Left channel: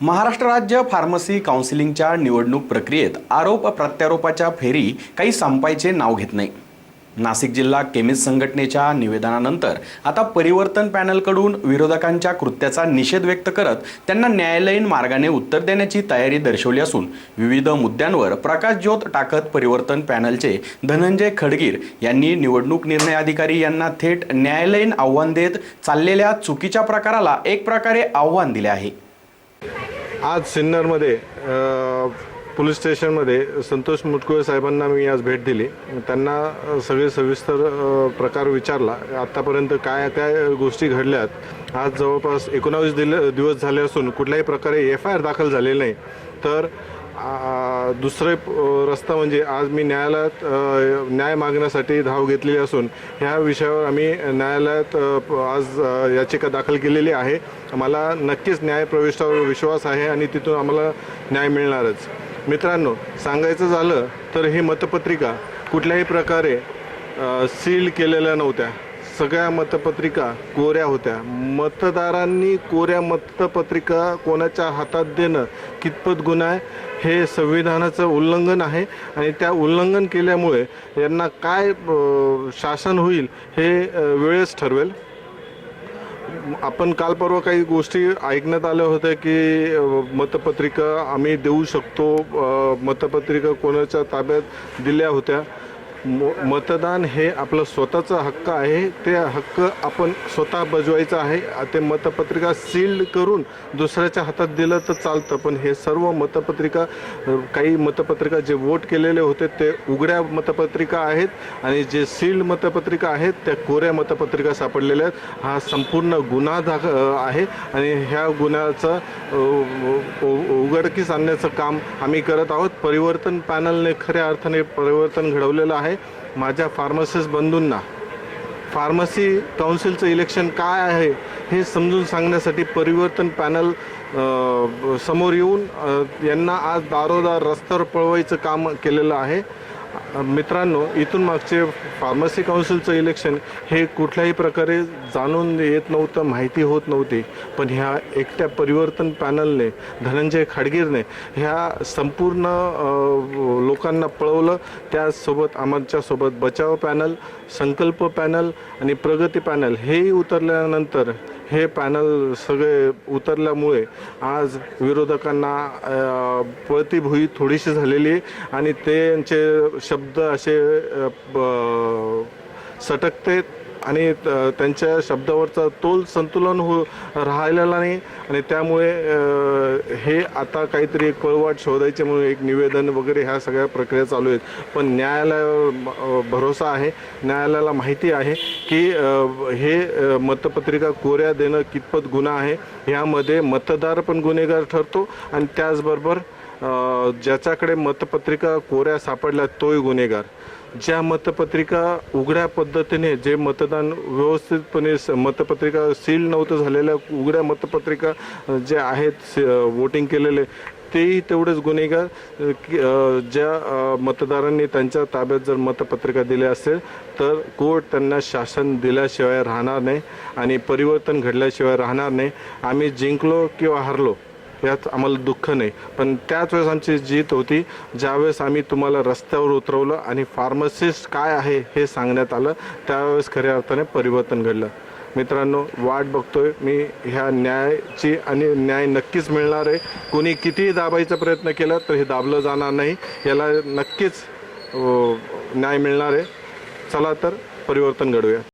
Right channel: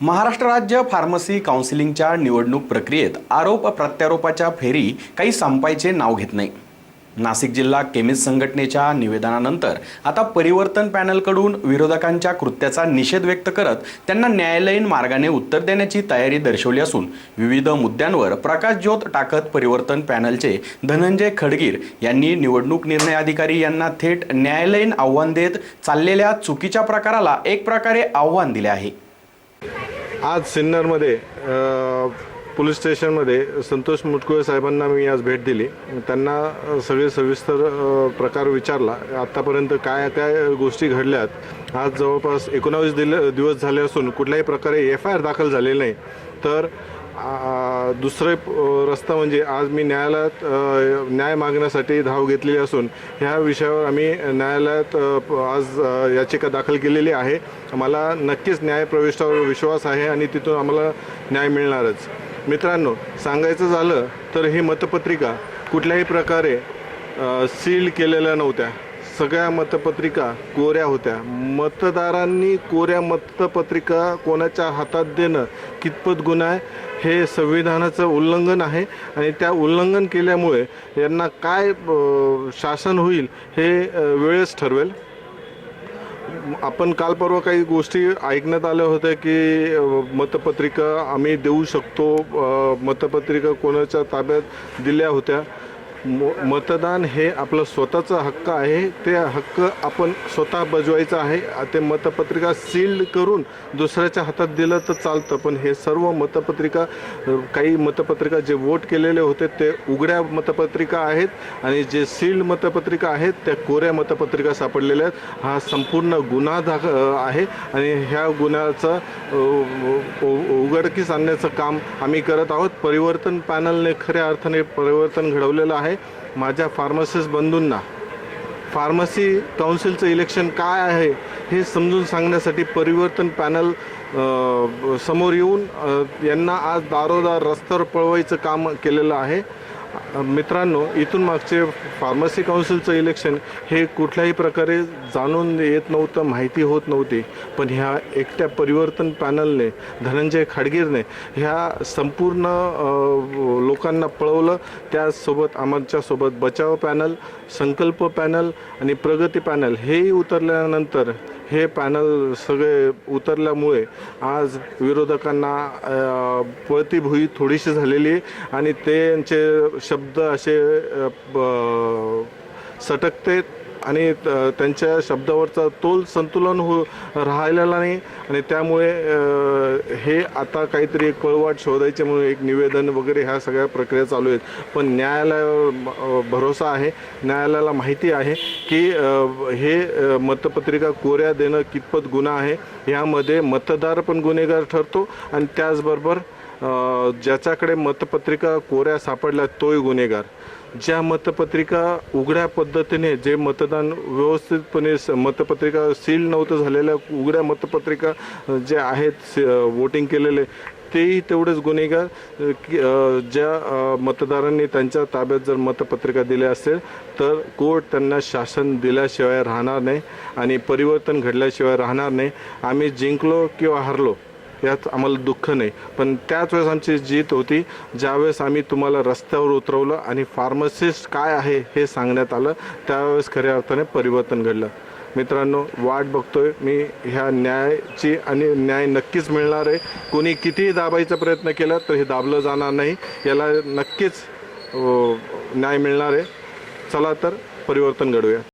महाराष्ट्र राज्य फार्मसी काउन्सिलिंगच्या निवडणूक प्रक्रियेत आरोप प्रत्यारोपाच्या फेरी काही संपायचे नाव घेत नाही. नाशिक जिल्हा केमिस्ट संघटनेच्या निवेदनानंतर आता परिवर्तन पॅनलकडून विरोधकांच्या कृत्याचा निषेध व्यक्त करत त्यांना न्यायालयीन मार्गाने उत्तर देण्याची तयारी दर्शवली असून विविध मुद्द्यांवर प्रकाशज्योत टाकत परिवर्तन पॅनलचे धनंजय खडगीर यांनी निवडणूक निर्णय अधिकारी यांना थेट न्यायालयीन आव्हान देत चाललेल्या चुकीच्या प्रकाराला एक प्रकारे आव्हान दिले आहे. आज सिन्नरमध्ये पोलीस स्टेशनमध्ये संतोष मुटकुळे साहेबांना मी आज भेट दिली. त्यांना सगळे सविस्तर प्रकार विचारला. आत्तापर्यंत काय काय गोष्टी घडल्यात आज जवळपास एकोणावीस दिल दिवस झाले असून कुठल्याही प्रकारे एफ आय आर दाखल झालेली नाही. तर दुसरे रस्ता म्हणजे आज मी न्यायालयात न्याय मागण्यासाठी धाव घेतलेली असून ह्या विषयावर आम्ही न्यायालयात आज याचिका दाखल केलेली आहे. मला नक्कीच न्यायप्रविष्टावर विश्वास आहे आणि तिथून आम्हाला न्याय मिळणारच. मित्रांनो सांगायचं झालं तर ही मतपत्रिका कुठल्याही प्रकारे सील केलेल्या नव्हत्या. सगळ्या मतपत्रिका कोऱ्या होत्या. मतदारांनी कोऱ्या मतपत्रिका कोणाच्या हातात देणं कितपत गुन्हा आहे? हे संविधानाचं उल्लंघन आहे आणि त्या उल्लंघन केल्यामुळे यांना काय शासन होईल हे वेळेस ठरवेल. आपण काल परवा काही गोष्टी ऐकण्यात आल्या होत्या की मतपत्रिका आम्ही देऊ शकतो मतपत्रिका कोणाच्या ताब्यात दिल्या होत्या. मतदान हे आपलं स्वतःचा हक्क आहे. ते हक्क आपण स्वतः बजवायचं आहे. ते मतपत्रिका सील्ड करून दुसऱ्याच्या हातात दिलं तर चालतं. पण हे सर्व मतपत्रिका काही मतपत्रिका जे वोट केलेले होते ते उघड्या मतपत्रिका आहेत आणि जे सील्ड मतपत्रिका आहेत त्या कोऱ्या मतपत्रिका सापडलेल्या आहेत. हा संपूर्ण गुन्हा दाख आहे आणि ह्या गुन्ह्याचं उ- उघडकीस आणण्याचं काम आम्ही करत आहोत. परिवर्तन पॅनलने खऱ्या अर्थाने परिवर्तन घडवलेलं आहे. माझ्या फार्मसिस्ट बंधूंना. फार्मसी काउन्सिलचं इलेक्शन काय आहे हे समजून सांगण्यासाठी परिवर्तन पॅनल समोर येऊन यांना आज दारोदार रस्त्यावर पळवायचं काम केलेलं आहे. मित्रांनो इथून मागचे फार्मसी काउन्सिलचं इलेक्शन हे कुठल्याही प्रकारे जाणून येत नव्हतं माहिती होत नव्हती. पण ह्या एकट्या परिवर्तन पॅनलने धनंजय खाडगीरने ह्या संपूर्ण लोकांना पळवलं. त्यासोबत आमच्यासोबत बचाव पॅनल संकल्प पॅनल आणि प्रगती पॅनल हेही उतरल्यानंतर हे पॅनल सगळे उतरल्यामुळे आज विरोधकांना पळतीभुई पळती भुई थोडीशी झालेली आणि त्यांचे शब्द असे ब- सटकते. आणि त- त्यांच्या शब्दावरचा तोल संतुलन हो राहिलेला नाही. आणि त्यामुळे हे आता काहीतरी एक पळवाट शोधायचे म्हणून एक निवेदन वगैरे ह्या सगळ्या प्रक्रिया चालू आहेत. पण न्यायालयावर भरोसा आहे. न्यायालयाला माहिती आहे की हे मतपत्रिका कोऱ्या देणं कितपत गुन्हा आहे ह्यामध्ये मतदार पण गुन्हेगार ठरतो आणि त्याचबरोबर ज्याच्याकडे मतपत्रिका कोऱ्या सापडल्या तोही गुन्हेगार. ज्या मतपत्रिका उघड्या पद्धतीने जे मतदान व्यवस्थितपणे स- मतपत्रिका सील नव्हतं झालेल्या उघड्या मतपत्रिका जे आहेत वोटिंग केलेले तेही तेवढेच गुन्हेगार की, ज्या मतदारांनी त्यांच्या ताब्यात जर मतपत्रिका दिल्या असेल तर कोर्ट त्यांना शासन दिल्याशिवाय राहणार नाही आणि परिवर्तन घडल्याशिवाय राहणार नाही. आम्ही जिंकलो किंवा हरलो यात आम्हाला दुःख नाही. पण त्याच वेळेस आमची जीत होती. ज्यावेळेस आम्ही तुम्हाला रस्त्यावर उतरवलं आणि फार्मसिस्ट काय आहे हे सांगण्यात आलं त्यावेळेस खऱ्या अर्थाने परिवर्तन घडलं. मित्रांनो वाट बघतोय. मी ह्या न्यायाची आणि न्याय नक्कीच मिळणार आहे. कोणी कितीही दाबायचा प्रयत्न केला तर हे दाबलं जाणार नाही. याला नक्कीच न्याय मिळणार आहे. चला तर परिवर्तन घडूया.